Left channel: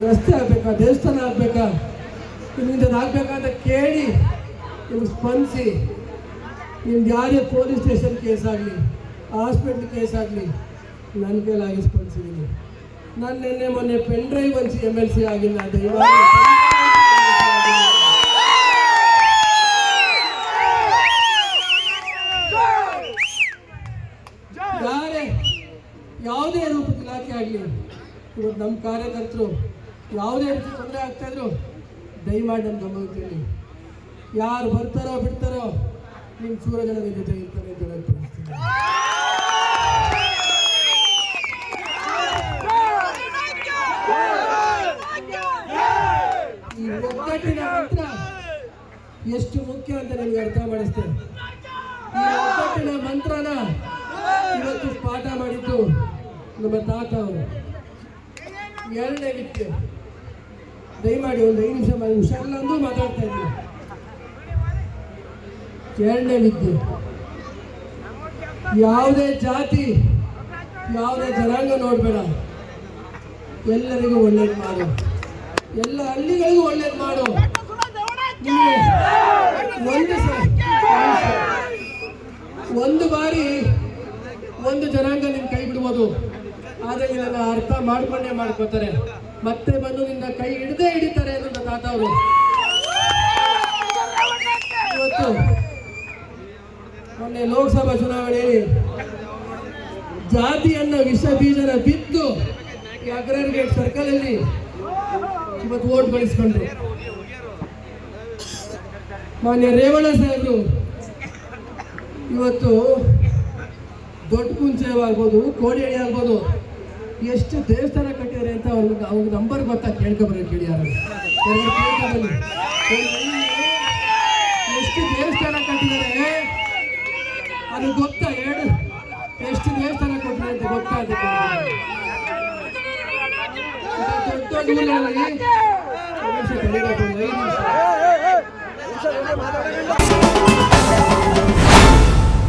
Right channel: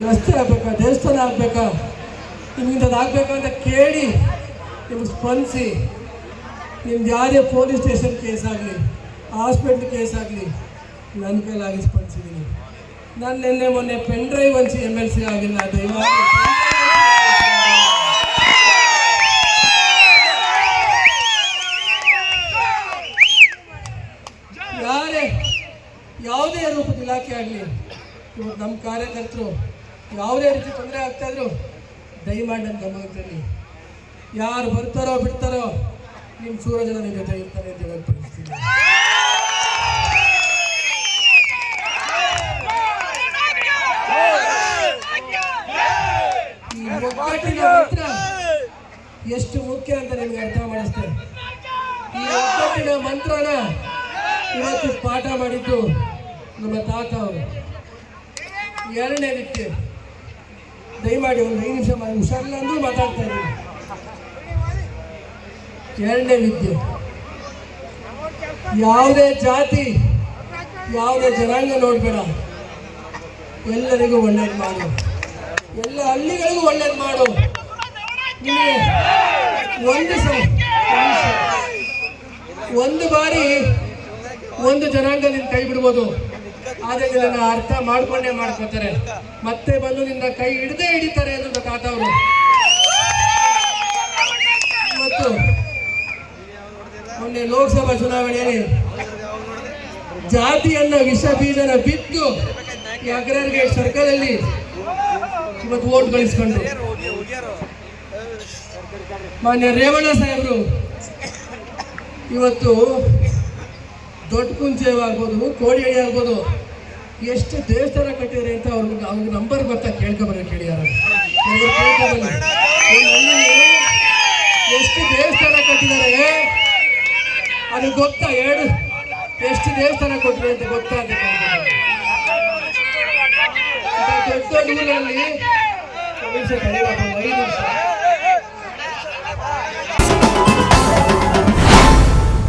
ರಸ್ತೆ ಆಗ್ಬೇಕಾ? ದೇವಸ್ಥಾನ ಆಗಬೇಕಾ? ಆಗಬೇಕಾ ಆಗ್ಬೇಕಾ ಅಂತ ಕೇಳಿ ನಿಮ್ಗೆ ಸ್ಪಂದಿಸಿ. ನಿಮ್ದು ಯಾರೇ ಪೊಲೀಸ್ ಸ್ಟೇಷನ್ ಕೇಸ್ ಆಗಲಿ, ಹಾಸ್ಪಿಟ್ಲ್ ಕೇಸ್ ಆಗಲಿ, ನನ್ನ ಕೈಲಾಗಿ ಸ್ಪಂದಿಸಿದ್ದೀನಿ. ನಾನು ನಿನ್ನೆ ಮೊನ್ನೆ pen drive C M L C ಆಗಿಲ್ಲ, ದಯಮಾಡಿ ಯಾರೇ, ಯಾವುದೇ ರೂಪದ ಇಲಾಖೆ ಆಗಲಿ, ಇವತ್ತು ನಮ್ಮ ಕಾರ್ಯಕರ್ತರು ಯಾವುದೇ ರೀತಿ ತೊಂದರೆ ಆಗ್ತಾಯಿದ್ರು ದಯಮಾಡಿ ನನ್ನ ಗಮನದಲ್ಲಿ ಯಾರು ಬರ್ತಾರೋ ಬಿಡ್ತಾರೋ ನಿಮ್ಮ ಸೂರಜನ ನಿಮ್ಮ ಜೊತೆ ಇರ್ತಾರೆ ಅಂತ ಹೇಳ್ತೀನಿ ಒಗ್ಗಟ್ಟಿನ ಮಂತ್ರ ಎಷ್ಟು ಮುಖ್ಯ ಅಂತ ನಿಮ್ಗೆ ಅರ್ಥ ಮಾಡಿಸ್ತೇನೆ ಈ ಒಗ್ಗಟ್ಟಿನ ಮಂತ್ರನ ಇವತ್ತು ಪಾಠ ಮಾಡಿದ್ದು ನಮ್ಮ ತಾತ ಅವರು. ಎರಡನೇ ವಿದ್ಯೆ ದಯಮಾಡಿ ಒಂದು ಐದು ನಿಮಿಷ ಮಾಡಿ. ಹುಷಾರಿಲ್ಲ ಅಂದ್ರೂ ಮಾತಾಡ್ತಾ ಇದ್ದೀನಿ. ಎರಡನೇ ವಿದ್ಯೆ ಯಾವುದೇ ಜಾತಿ, ಯಾವುದೇ ಜನಾಂಗ ನೋಡಬೇಡ. ಎಲ್ಲರಿಗೂ ಒಳ್ಳೇದು ಮಾಡು. ಎಲ್ಲ ಹಳ್ಳಿಗಳಿಗೂ ಒಳ್ಳೇದು ಮಾಡು. ಒಂದು ಒಂದು ಬಾರಿ ಒಂದು ಜನಾಂಗ ನಿನ್ನ ಕೈ ಬಿಡ್ಬೋದು. ಆದರೆ ಇದನ್ನು ಅರ್ಥ ಮಾಡ್ಕೊಂಡೇ ಮಾಡ್ಕೋತಾರೆ. ಮತ್ತೆ ಬಂದು ನಿನ್ನ ಕೈ ಹಿಡ್ದೇ ಹಿಡಿತಾರೆ ಅನ್ನೋದು ತಾತ ಅವರು. ಇವತ್ತು ಮೊನ್ನೆ ಲೋಕಸಭಾ ಚುನಾವಣೆಯಲ್ಲಿ ಜಾತಿಯನ್ನ ವಿಷ ಬೀಜನ ಬಿದ್ದು ಈ ಅಗ್ರಗೇಟ್ ಸರ್ಕಲ್ ಅಲ್ಲಿ ಇವತ್ತು ಓಟ್ ಗಳಿಸ್ಕೊಂಡ್ರು. ಮಾನ್ಯ ರೇವಣ್ಣ ಸಾಹೇಬ್ರು, ಇವತ್ತು ದೊಡ್ಡ ಕುಂಚೆ ಆಗ್ಬೋದು ಕೋಡಿಹಳ್ಳಿ ಆಗ್ಬೋದು ಎಷ್ಟು ದೇವಸ್ಥಾನ ಕಟ್ಟಿದ್ದಾರೆ ಅಂತ ಅವ್ರಿಗೆ ಅವ್ರಿಗೆ ನಂಬರ್ ಗೊತ್ತಾ ಕೇಳ್ಕೊಬರ ಕೇಳಿ ಕೇಳ್ಕೊಬನ್ನಿ. ಎಷ್ಟು ದೇವಸ್ಥಾನ ಕಟ್ಟಿದ್ದಾರೆ ಅದು ಗೊತ್ತಾ ಹೇಳು ಎಷ್ಟು ದೇವಸ್ಥಾನ ಕೊಟ್ಟಿದೆ ಅಂತ ಗೊತ್ತಾ ಅಂತ ನಿಮಿಷ.